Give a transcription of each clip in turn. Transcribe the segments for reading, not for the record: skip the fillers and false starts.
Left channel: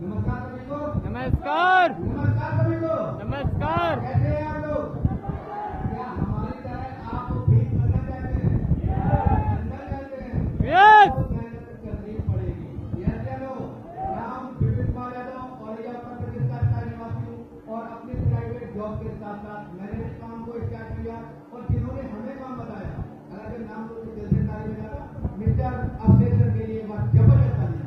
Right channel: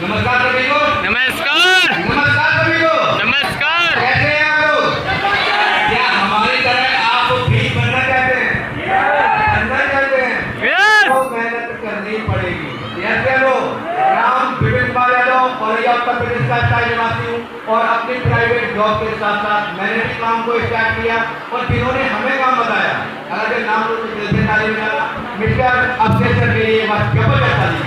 नमस्कार सभी को। नमस्कार। नमस्कार सभी को। नमस्कार। कैसे हैं आप लोग? क्या हमारी तरह आप भी बनना चाहते हैं? बनना चाहते हैं? Yes! तो मेहनत करनी पड़ेगी। यह चलो नाम विपिन कुमार यादव और ये उत्तर प्रदेश का स्थायी निवासी हूँ और अपनी प्राइवेट जॉब के साथ साथ मैंने भी काम को स्टार्ट किया और जिन्होंने हमें काम बताया अगर जो नाम लोग दिल से ताली बजाना मिस्टर अक्षय सर के लिए बात जबरदस्त ताली,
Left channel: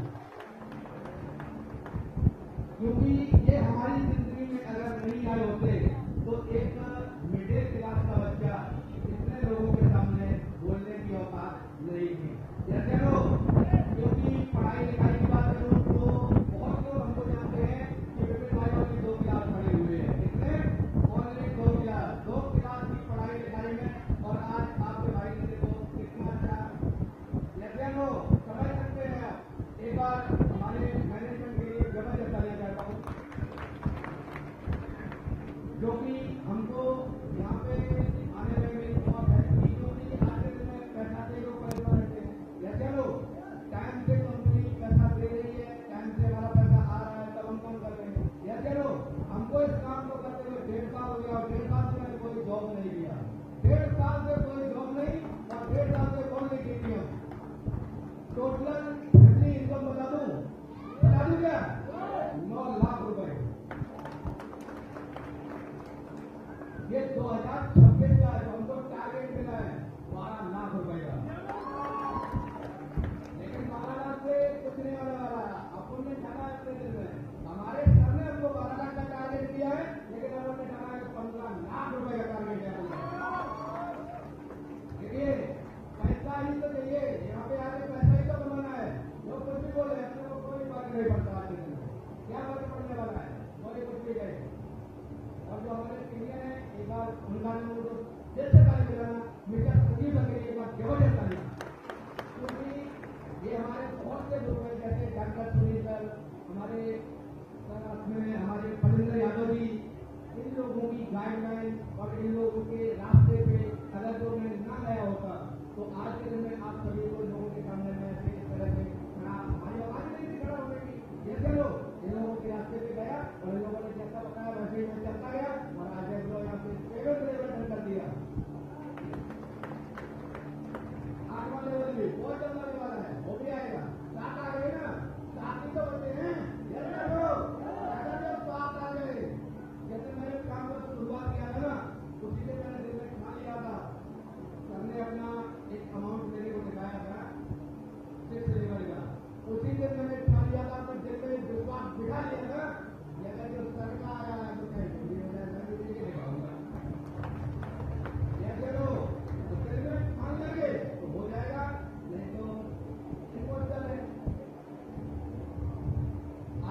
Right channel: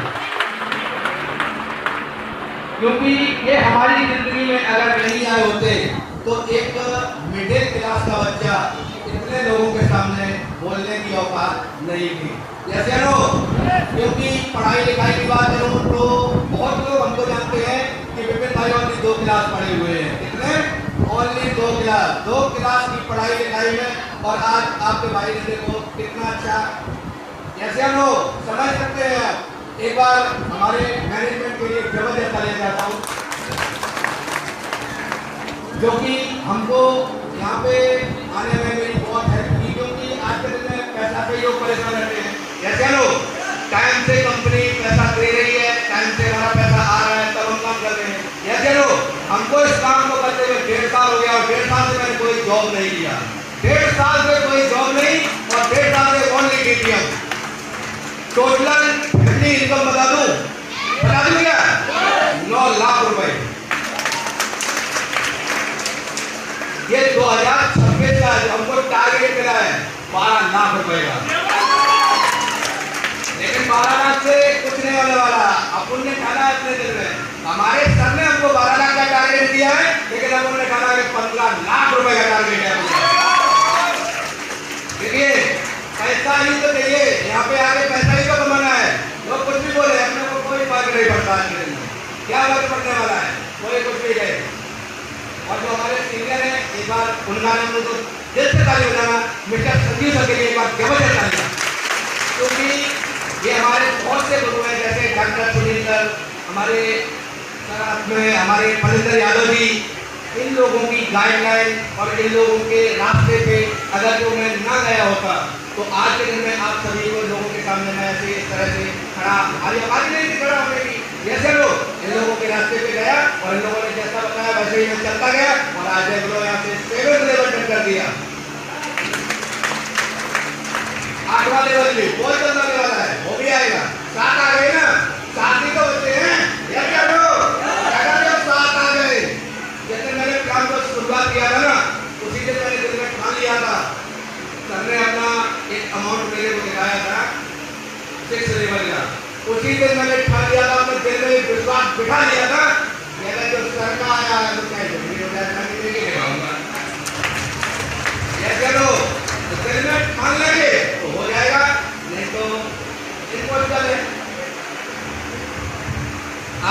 क्योंकि ये हमारी जिंदगी में अगर नहीं आए होते तो एक मिडिल क्लास का बच्चा इतने लोगों के सामने बोलने की औकात नहीं थी। जैसे नो, क्योंकि पढ़ाई लिखाई की बात करूँ तो बहुत लोग हमको जानते हैं कि विपिन भाई ओनली 2 क्लास पढ़े हुए हैं। कितने? ओनली 2 क्लास की पढ़ाई लिखाई में और आज आपके भाई ने देखो कितना अच्छा, जैसे नो समझ सकते हैं आप। एक बार हमारे मैनेजमेंट के लिए जबरदस्त तालियां चाहता हूँ, जो कि हमको यहाँ पे आने में मेरी बहुत हेल्प की, क्योंकि आज के दिन में पैसा पे लोग परेशान रहते हैं। जैसे लोग टाइम से कंपनी पैसा दे रही है, टाइम से हमारा पैसा आ रहा है, तब हम काम कर रहे हैं। जैसे लोग हमको इस काम को करते हुए 1.5 साल हो गया और 1.5 साल से मैंने कोई जॉब नहीं किया। 1.5 साल से कोई जॉब नहीं और 1.5 साल से ओनली केटीएम। टोटल इनकम बता दूं क्या? 9 लाख रुपए। ये 2026 का हमको टारगेट मिला है 12 लाख रुपए का, लेकिन 12 लाख से कुछ नहीं होने वाला। अपन ने खाना अपने दिल में, हमारे सर ने हमको 12 लाख का टारगेट दिया है, लेकिन अपन ने खाना कि 15 लाख रुपए का टारगेट है। देखिए पैसा ही तो चाहिए, यहाँ पे आगे पैसा ही तो कमाना है। लोग कुछ भी बोले, अपने को कोई फर्क नहीं पड़ता। क्या फर्क पड़ने वाला है? कोई कुछ भी कहे। और जो हमारे सीनियर हैं, एक बार उनका नाम तो दिल से ताली बजाना मिस्टर संजीव सर के लिए एक बार जबरदस्त ताली, क्योंकि ये हमारे बहुत से गुरु हैं, जैसे डॉक्टर सुनील सर, हमारे हमारे फलिंदर यादव जी। इन लोगों की गाइडलाइन और इन लोगों के रास्ते पे अगर जो मैं ना गया होता तो आज के दिन में आप सभी को लोगों के सामने मैं ऐसे इस तरह से खड़ा आवाज नहीं थी खड़ा होने की। जैसे लोग इन लोगों के रास्ते पे गया और इन लोगों ने जैसा बताया वैसे ही मैं चलता गया और आज देख लो यहाँ से 7th लेवल तक कर दिया। 8वां लेवल भी बहुत जल्द आने वाला है, वो भी आएगा। 7 आ गए ना, 7 ही तो बच्चे हैं। या क्या लो अगर जब 7 आ गए, जैसे मैंने काम को शुरुआत किया था ना, उसी दिन मैंने दिल में ठान लिया था। सर ने अपना एक अमाउंट मेरे को दिखाया था 6 लेवल का, उसी दिन मैंने ठान लिया था, अपने दिल में विश्वास बिठा लिया था। मेरा जो सर का आया है तो क्या जरूरी हो जाएगा कि नहीं लगाऊंगा। ऐसे लो दिल में ठान लेंगे तो हो जाएगा, नहीं तो इम्पॉसिबल है।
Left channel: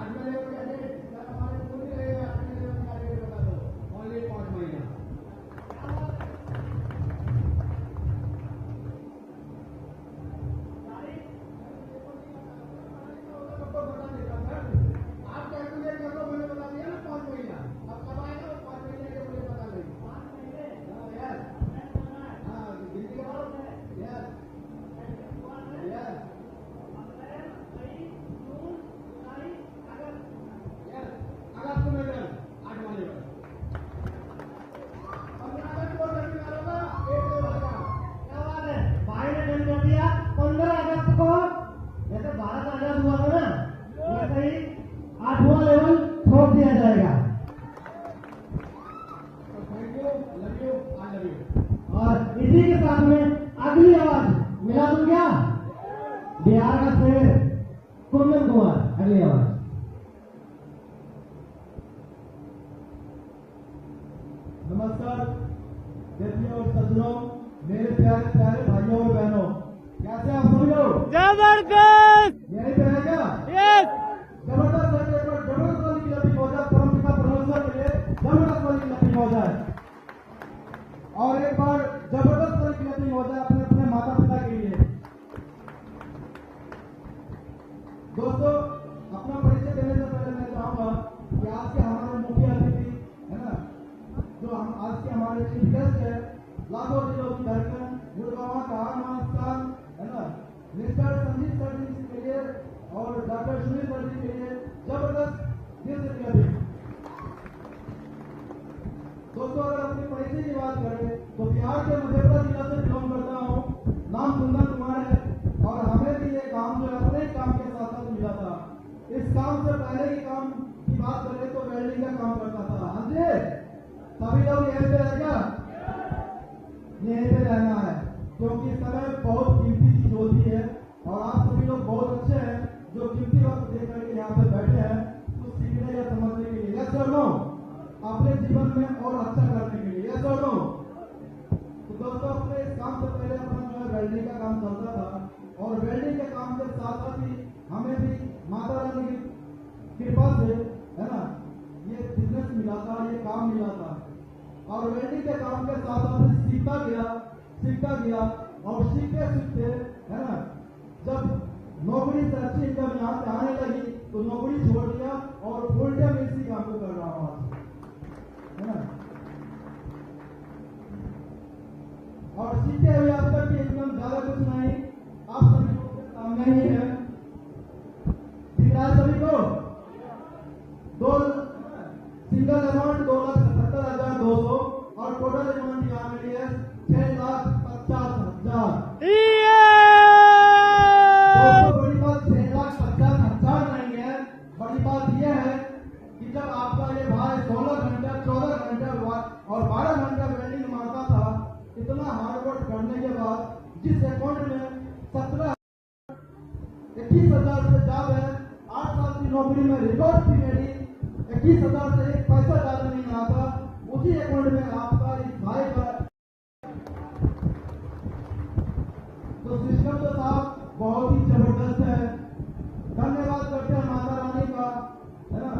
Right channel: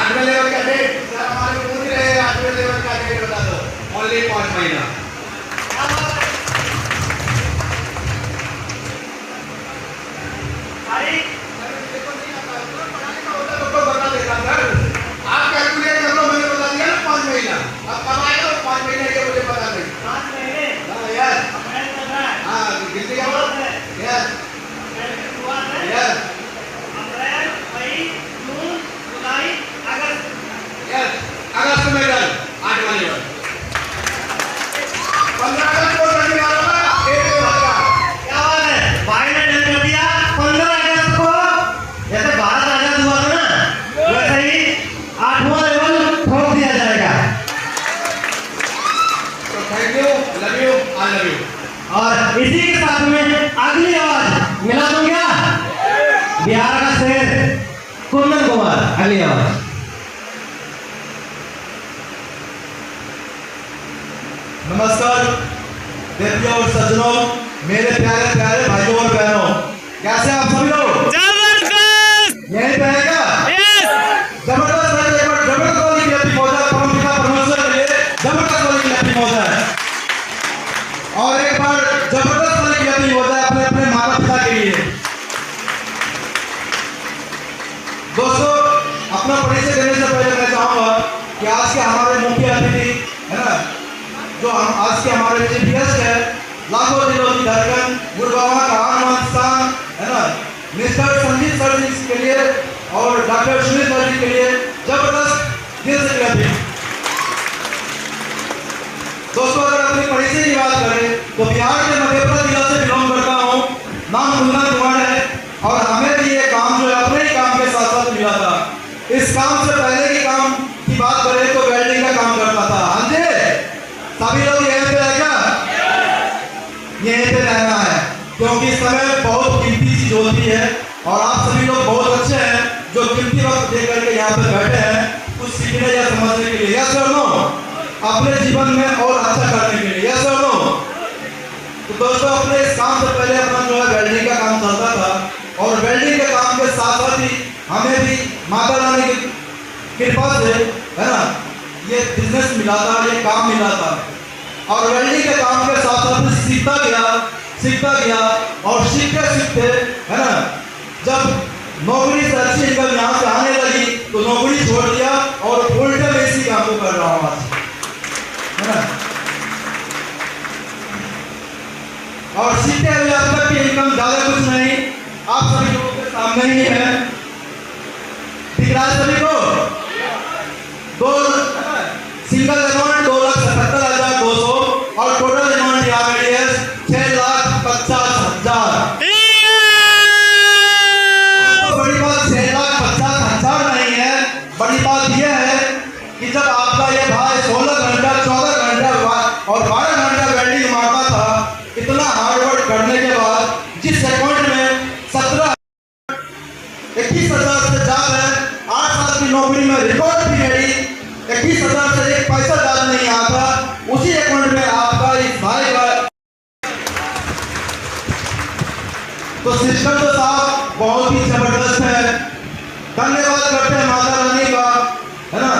8वें लेवल का डेट सर हमारे पूछ रहे हैं, 8वें लेवल का डेट बता दो। ओनली 5 महीना। आप कैलकुलेट कर लो, मैंने बता दिया ना 5 महीना। अब कब आएगा 5 महीने के मुझे पता नहीं। 5 महीने? हाँ यार, हाँ गिनती क्या बोल रहे हैं यार? यार अप्रैल, मई, जून, जुलाई, अगस्त। यार अगस्त में डन 8 महीने 15 अगस्त को रखने वाला था 1 का। क्या बात है, भाई ने डन कर दिया 15 अगस्त को। जैसे भारत आजाद हुआ था ना, वैसे ही 8वां लेवल ठोक दिया जाएगा। तो thank you, love you, I love you. और इसी के साथ में अगली आवाज मिला दूं क्या? बिहार का शेर कुंदन कुमार, अगली आवाज। नमस्कार देवियों और सज्जनों, मेरे प्यारे प्यारे भाइयों और बहनों, कैसे आप सभी लोग? जबरदस्त। यही पे है क्या? Yes! जबरदस्त है, एक बार जबरदस्त वाली क्लैपिंग हो जाए, प्रमोशन के लिए जबरदस्त वाली क्लैपिंग हो जाए, और एक बार जबरदस्त वाली क्लैपिंग हो जाए अपने अपने माता पिता के लिए। दोस्तों, अपना परिचय देने से पहले मैं चाहूंगा कि आज के हमारे मुख्य अतिथि है ना, जो आज के हमारे चीफ गेस्ट है, लाखों दिलों की धड़कन, गुरुबाबा का आनंद स्थान है ना, मिस्टर संजीव सर जी के लिए और डॉक्टर सुनील सर जी के लिए जबरदस्त वक्त लेकर के यहाँ पे बैठे हैं कुछ सीखने या समझने के लिए, यस और नो, अपने जीवन में और अच्छा करने के लिए, यस और नो। तो दोस्तों अपने इस काम से पहले अपना जो है वेल्डिंग का काम चलता था और वेल्डिंग के काम के साथ साथ ही हमें भी माता रानी की कृपा से, है ना, ये बिजनेस मिला था, ये काम मिला था और वेल्डिंग के काम के साथ साथ सीखता गया और सीखते सीखते, है ना, जब नौकरी से अच्छी इनकम यहाँ से आने लगी तो नौकरी छोड़ दिया और फुल टाइम इसी काम को कर रहा हूँ आज, है ना। और सीखते हुए अब तक की इनकम ज्यादा कुछ नहीं, आप सभी लोगों के सामने ही है, दिख रहा है सभी को। दो सिंगल अमाउंट 2,77,200 और टोटल अमाउंट यहाँ पे है 6,50,000। बड़ी बात 6,50,000 नहीं है, बड़ी बात यह है कि जब आपका ये भाई 16 घंटा 14 घंटा और 12 घंटा वेल्डिंग मारता था, इतना हार्ड वर्क करने के बाद जिस अकाउंट में 21,000 से ज्यादा है, 8 साल की नौकरी में रिकॉर्ड पीरियड 21,000 से एक पैसा ज्यादा नहीं आता, उसी अकाउंट में आपका इस भाई का तो सिस्टम तो साहब बहुत ही जबरदस्त है। धन्यवाद करते हैं माता रानी का, है ना,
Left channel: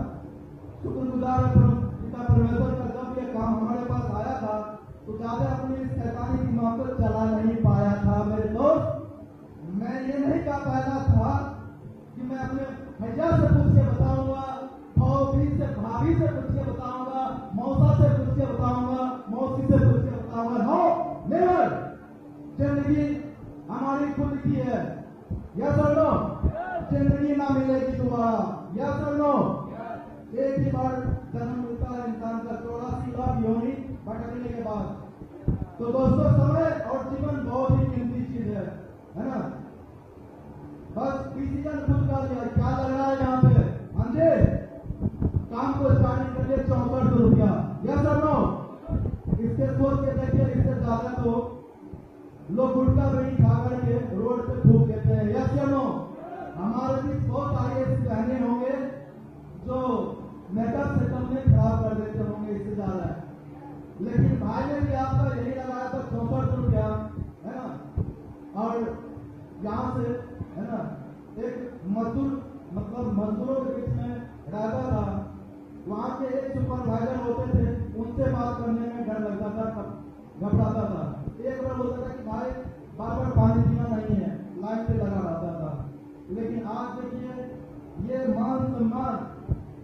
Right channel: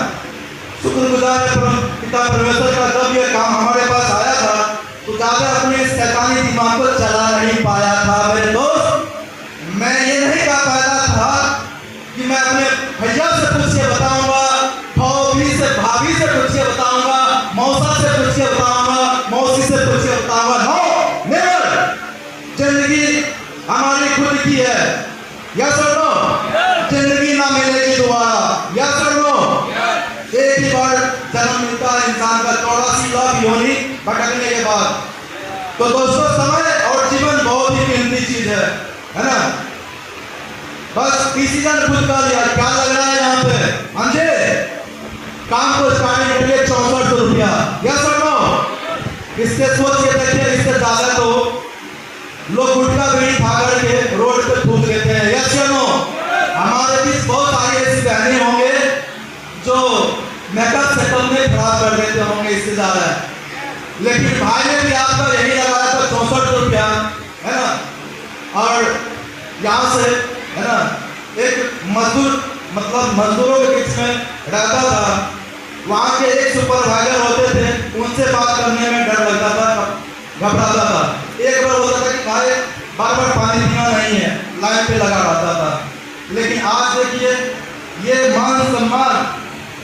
शुक्रगुजार है पिता परमेश्वर का। जब ये काम हमारे पास आया था तो ज्यादा अपने शैतानी दिमाग को चला नहीं पाया था मेरे दोस्त। मैं ये नहीं कह पाया था कि मैं अपने भैया से पूछ के बताऊंगा, भाभी से पूछ के बताऊंगा, मौसा से पूछ के बताऊंगा, मौसी से पूछ के बताऊंगा। नो नेवर, जिंदगी हमारी खुद की है, यस और नो। जिंदगी ना मिलेगी दोबारा, यस और नो। एक ही बार जन्म मिलता है इंसान का, 84 लाख योनि भटकने के बाद। तो दोस्तों समय और जीवन बहुत ही कीमती चीज है ना। बस डिसीजन खुद का लिया, क्या लग रहा है यहाँ पे, अंधेरे काम को स्टार्ट के लिए 64 रुपया, यस और नो। इससे सोच के देखिए, इससे ज्यादा तो लोग गुटखा बीड़ी खा करके रोड पे थूक लेते हैं, यस और नो। हमारे बीच बहुत सारे ऐसे बहने होंगे जो मेकअप सेटअप में खराब कर देते होंगे इससे ज्यादा, लेकिन भाई ने भी आपका यही लगाया था 64 रुपया, है ना। और यहाँ से, है ना, एक मजदूर मतलब मजदूरों के बीच में रहता था, वहाँ के एक सुपरवाइजर होते थे, उनसे बात करने में डर लगता था, घबराता था। एक बार होता था कि भाई बार बार पानी पीना नहीं है, लाइन पे लगा रहता था। लेकिन आज देखिए ये मान सम्मान,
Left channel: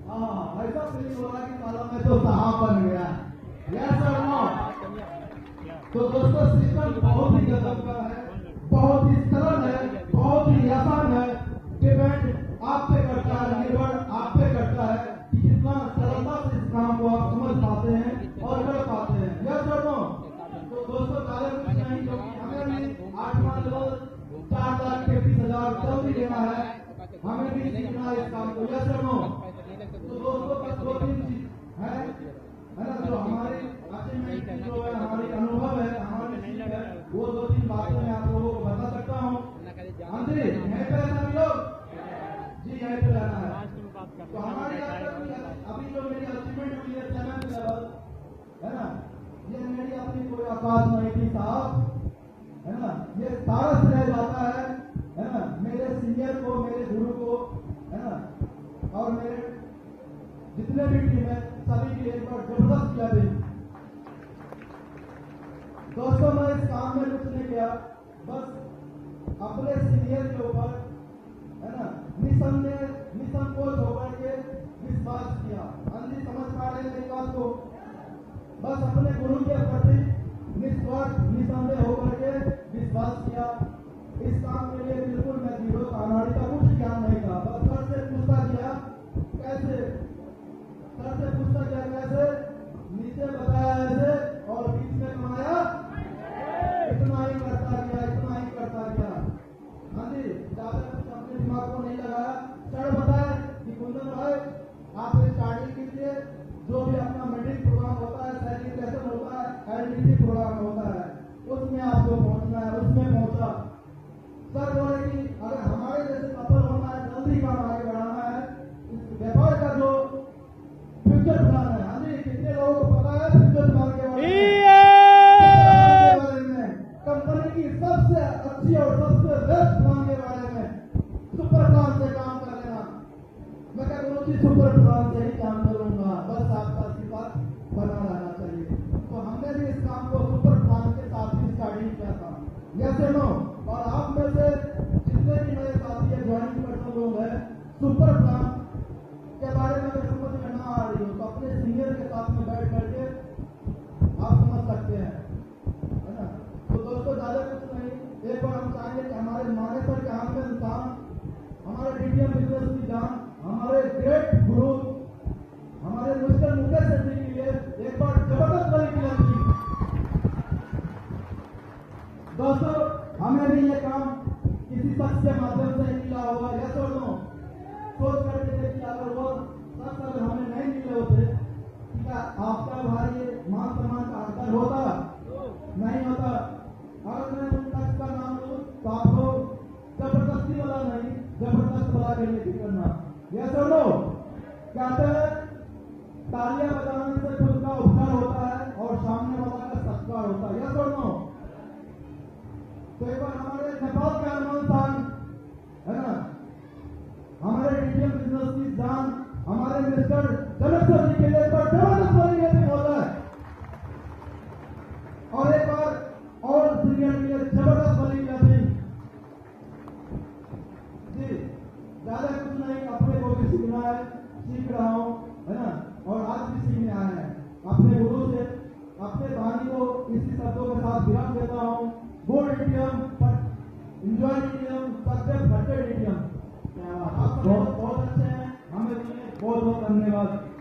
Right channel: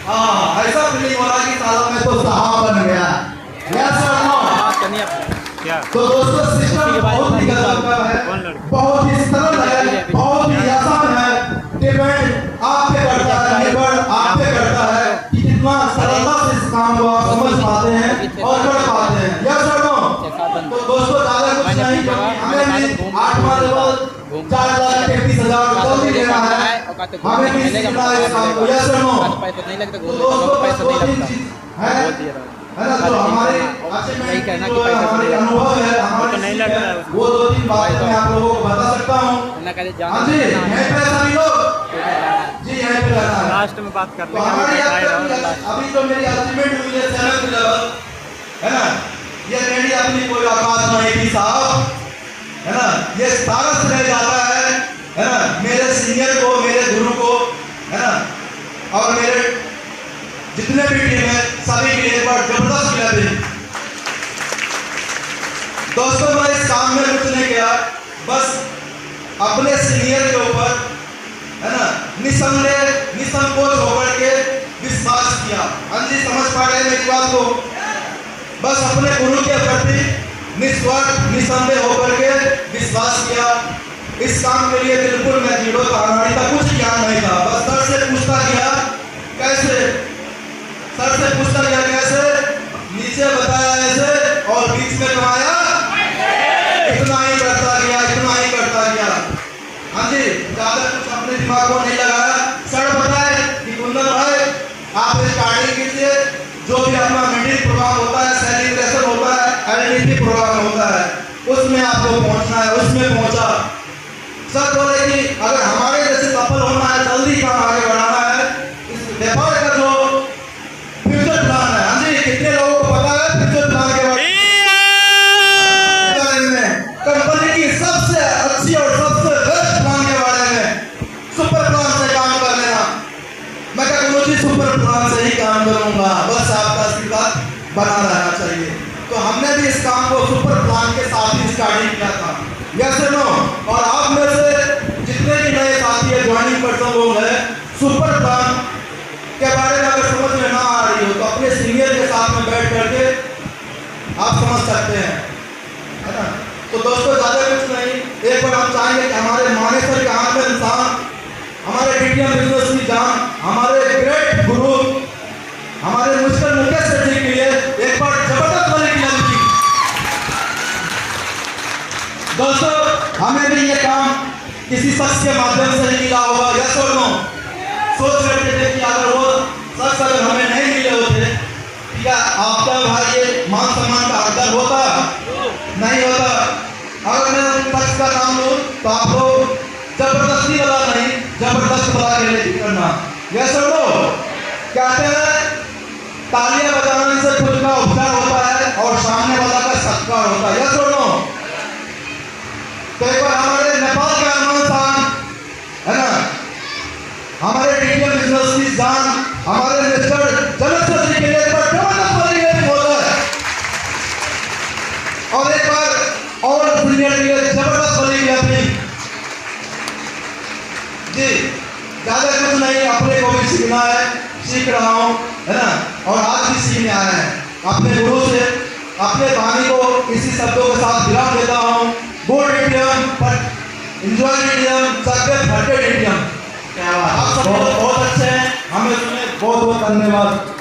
ऐसा फीलिंग हो रहा है कि सालों में तो साहब बन गया, यस और नो। तो दोस्तों सिस्टम बहुत ही गजब का है, बहुत ही सरल है, बहुत ही आसान है। डिपेंड आप पे करता है, निर्भर आप पे करता है कि कितना सरलता से इस काम को आप समझ पाते हैं और कर पाते हैं, यस और नो। तो दोस्तों ज्यादा कुछ नहीं, हमें भी 8वां लेवल 4,33,000 जल्दी लेना है, हमें भी सीखना है इस काम को, यस और नो। तो दोस्तों दो तीन चीज है ना, जो हमारे अचीवमेंट जो हमारे अनुभव है, हमारे नहीं लग रहा है, वो 2-3 बातें मैं आप लोगों को बता सकता हूँ। हाँ जी, यहीं पे सभी लोग जी यहीं पे रहना है। लास्ट में बात कर तो हमारी अभी जो मेरी अचीवमेंट हुई है 7th लेवल, है ना, ये मेरी अपनी कोई औकात नहीं थी साहब, है ना। ये सारा श्रेय जाता है ना, मेरे सीनियर को, मेरे गुरु को, है ना, और मेरे जितने भी टीम है सभी की एक बार जबरदस्त किया थी। दोस्तों मैं इस काम में कुछ नहीं किया, बस अपने सीनियर के ऊपर, है ना, निसंकोच होकर के विश्वास किया। हाँ जी, समझ पा रहे हैं मेरी बात को। बस अपने गुरु के प्रति निस्वार्थ निसंदेह होकर के विश्वास किया। इस काम के लिए बिल्कुल मैं जीरो कहानी का कुछ ज्ञान नहीं था, बस सर से पूछता गया कैसे, सर से पूछता गया कैसे, नीचे बताया ऐसे और बीच में कमाया, इतना ही करता गया, इतना ही करता गया। हाँ जी, ज्यादा कुछ अपने दिमाग को नहीं लगाया। सर बताए कि कुंदन भाई आप स्टार्टिंग कीजिए, जो भी अपना मीटिंग प्रोग्राम होता है, सेलिब्रेशन होता है, एलईडी प्रोग्राम होता है, उसमें आपको पहुंचना है। उसमें पहुंचा। सर बोले कि अगर हमारे जैसे सफल सुपर प्लान से ही काम करूंगा, बस आपका आशीर्वाद बना रहना चाहिए। तो हमने भी इस काम को सुपर प्लान के साथ ही स्टार्टिंग किया था, यस नो। और आप में से जितने भी नए साथी है, ज्वाइनिंग पर्सन लोग हैं, सुपर प्लान के बारे में अगर समझ में ना आ रही हो तो अपने सीनियर के साथ में बैठ करके आप समझ सकते हैं, है ना। तो दोस्तों ज़्यादा कुछ नहीं, एक बार हम चाहेंगे कि हमारे मानेसर के हाथ में इंसान, हमारे डीटीएम बिजनेस की जान, हमारे ग्रेट गुरु, हमारे मिस्टर मुकेश सेठी के लिए एक बार जबरदस्त बने की लड़की। दोस्तों हमें भी ये काम किसी शख्स के माध्यम से नहीं मिला होगा, यस और नो। सोच करके देखिए, अगर वो शख्स अगर हमें नहीं मिले होते, क्या आपका भाई ये मान सम्मान का हकदार होता? नहीं होता। अगर मैं उन शख्स का नाम लूं तो आप लोग जबरदस्ती वाला नहीं, जबरदस्त वाला के लिए करना, यस और नो। कहते हैं तालियां बजाने से खुद का उपचार होता है और सामने वाला का सत्कार होता है, यस और नो। तो एक बार हमारे नेपाल के अरमान खान, है ना, हमारे डीटीएम बिजनेस की जान, हमारे मिस्टर जलंधर जी के लिए एक बार जबरदस्त वाली बोल है, और एक बार और सीनियर के लिए जबरदस्त वाली अपनी जी। ज्यादा कुछ नहीं, अपने को भी सीखना है, सीख रहा हूँ, है ना, और आज भी सीखने आए हैं अपने गुरु से। अपने कहानी को इसी शब्दों के साथ विराम देता हूँ। गुड डीटीएम, एंजॉय डीटीएम, सबके फटे डीटीएम। क्या बात, आप सब बहुत अच्छे हैं, हमें सुने, बहुत बहुत धन्यवाद।